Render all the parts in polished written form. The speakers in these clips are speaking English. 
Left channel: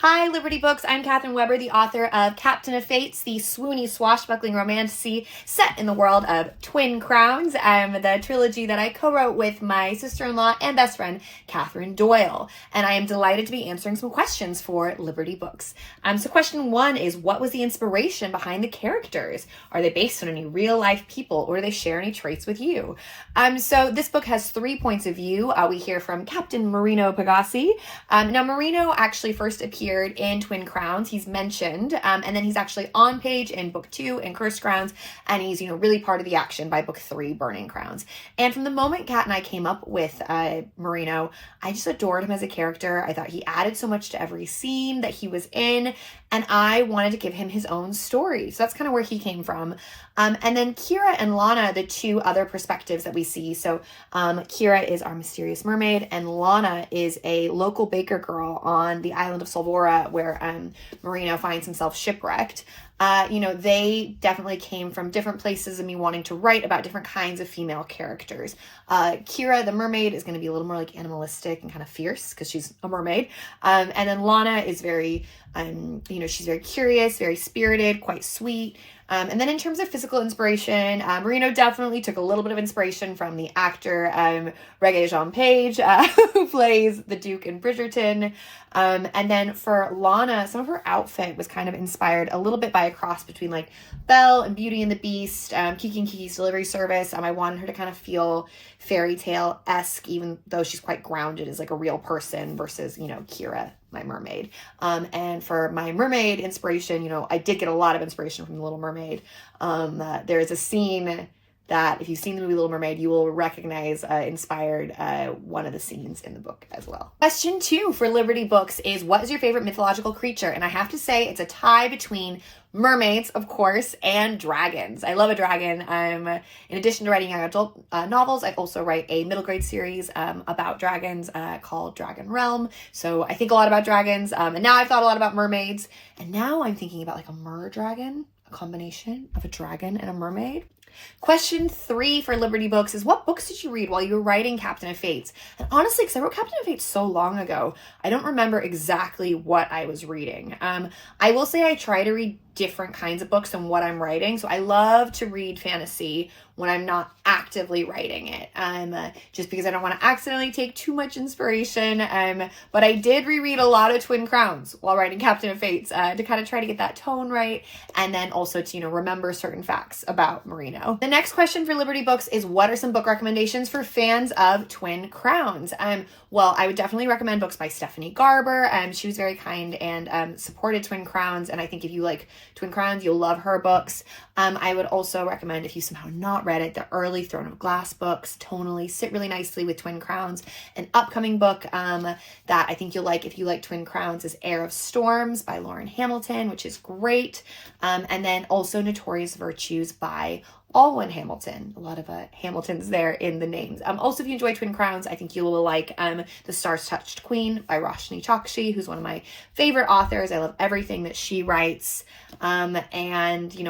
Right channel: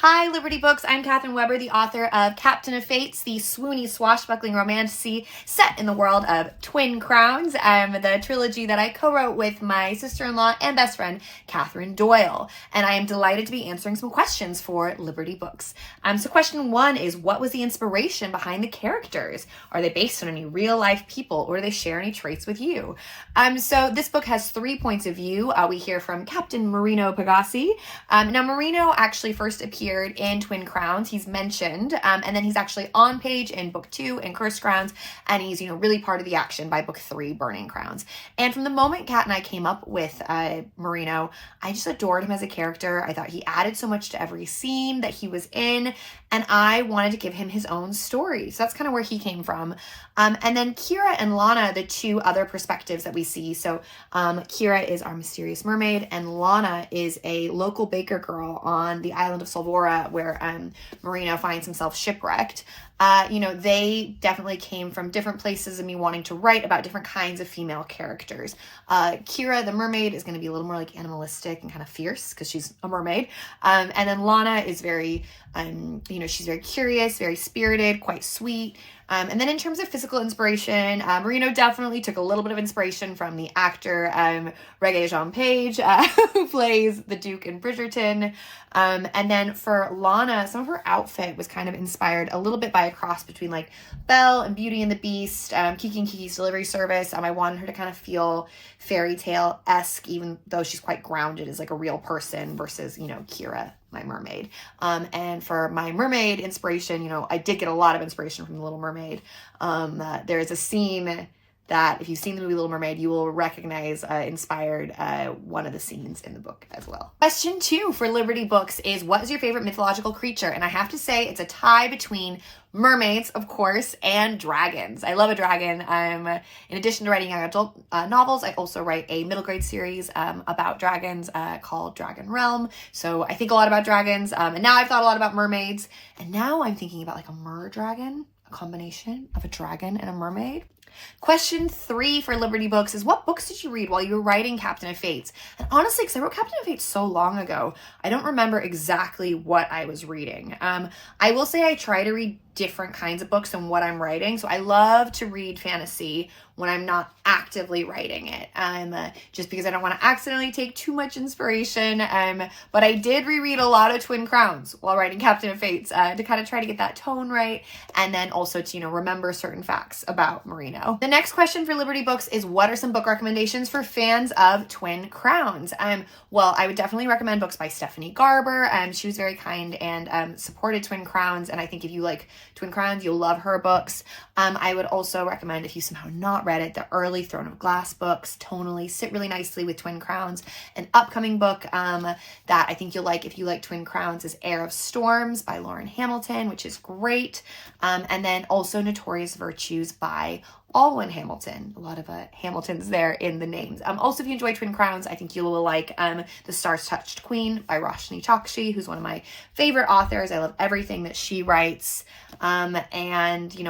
Hi, Liberty Books. I'm Katherine Weber, the author of Captain of Fates, the swoony, swashbuckling romance set in the world of Twin Crowns, the trilogy that I co-wrote with my sister-in-law and best friend, Katherine Doyle. And I am delighted to be answering some questions for Liberty Books. So question one is, what was the inspiration behind the characters? Are they based on any real-life people, or do they share any traits with you? So this book has 3 points of view. We hear from Captain Marino Pegasi. Now, Marino actually first appeared in Twin Crowns. He's mentioned, and then he's actually on page in book 2 in Cursed Crowns, and he's, really part of the action by book 3, Burning Crowns. And from the moment Kat and I came up with Marino, I just adored him as a character. I thought he added so much to every scene that he was in, and I wanted to give him his own story. So that's kind of where he came from. And then Kira and Lana, the 2 other perspectives that we see. So Kira is our mysterious mermaid, and Lana is a local baker girl on the island of Solvora, where Marino finds himself shipwrecked. They definitely came from different places and me wanting to write about different kinds of female characters. Kira, the mermaid, is going to be a little more like animalistic and kind of fierce because she's a mermaid. And then Lana is very, she's very curious, very spirited, quite sweet. And then in terms of physical inspiration, Marino definitely took a little bit of inspiration from the actor Regé-Jean Page, who plays the Duke in Bridgerton. And then for Lana, some of her outfit was kind of inspired a little bit by a cross between like Belle and Beauty and the Beast, Kiki and Kiki's Delivery Service. I wanted her to kind of feel fairy tale-esque, even though she's quite grounded as like a real person versus, Kira, my mermaid. And for my mermaid inspiration, I did get a lot of inspiration from The Little Mermaid. There is a scene that if you've seen the movie Little Mermaid, you will recognize inspired one of the scenes in the book as well. Question 2 for Liberty Books is, what is your favorite mythological creature? And I have to say it's a tie between mermaids, of course, and dragons. I love a dragon. In addition to writing young adult novels, I also write a middle grade series about dragons called Dragon Realm. So I think a lot about dragons, and now I've thought a lot about mermaids, and now I'm thinking about like a mer-dragon, a combination of a dragon and a mermaid. Question 3 for Liberty Books is, what books did you read while you were writing Captain of Fates? And honestly, because I wrote Captain of Fates so long ago, I don't remember exactly what I was reading. I will say I try to read different kinds of books than what I'm writing. So I love to read fantasy when I'm not actively writing it, just because I don't want to accidentally take too much inspiration. But I did reread a lot of Twin Crowns while writing Captain of Fates to kind of try to get that tone right, and then also to, remember certain facts about Marino. The next question for Liberty Books is, what are some book recommendations for fans of Twin Crowns? Well, I would definitely recommend books by Stephanie Garber. She was very kind and supported Twin Crowns, and I think if you like Twin Crowns, you'll love her books. I would also recommend, if you somehow not read it, the early Throne of Glass books tonally sit really nicely with Twin Crowns. An upcoming book that I think you'll like if you like Twin Crowns is Heir of Storms by Lauren Hamilton, which is great. And then also Notorious Virtues by Alwyn Hamilton. A lot of Hamiltons there in the names. Also, if you enjoy Twin Crowns, I think you will like The Stars Touched Queen by Roshni Chokshi, who's one of my favorite authors. I love everything that she writes. And,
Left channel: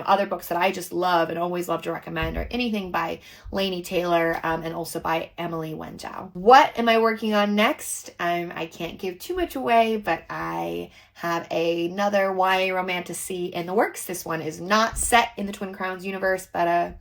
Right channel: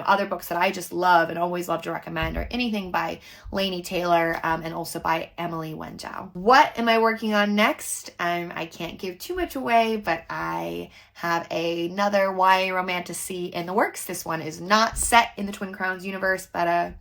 other books that I just love and always love to recommend are anything by Laini Taylor and also by Emily Wendow. What am I working on next? I can't give too much away, but I have another YA romantasy in the works. This one is not set in the Twin Crowns universe, but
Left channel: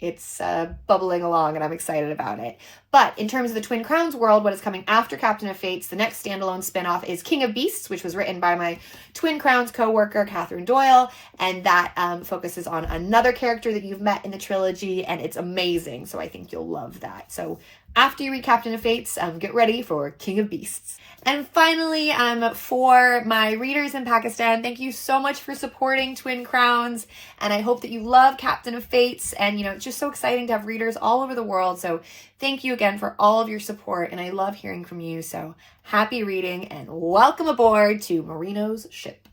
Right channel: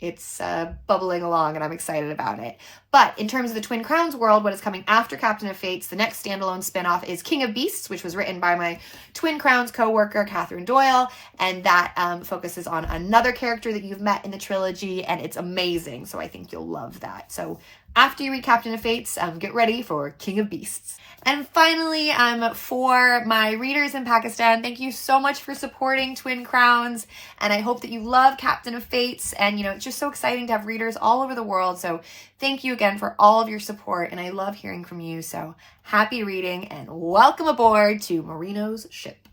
it's bubbling along and I'm excited about it. But in terms of the Twin Crowns world, what is coming after Captain of Fates, the next standalone spinoff is King of Beasts, which was written by my Twin Crowns co-worker, Katherine Doyle. And that focuses on another character that you've met in the trilogy, and it's amazing. So I think you'll love that. So after you read Captain of Fates, get ready for King of Beasts. And finally, for my readers in Pakistan, thank you so much for supporting Twin Crowns. And I hope that you love Captain of Fates. And, it's just so exciting to have readers all over the world. So thank you again for all of your support. And I love hearing from you. So happy reading and welcome aboard to Marino's ship.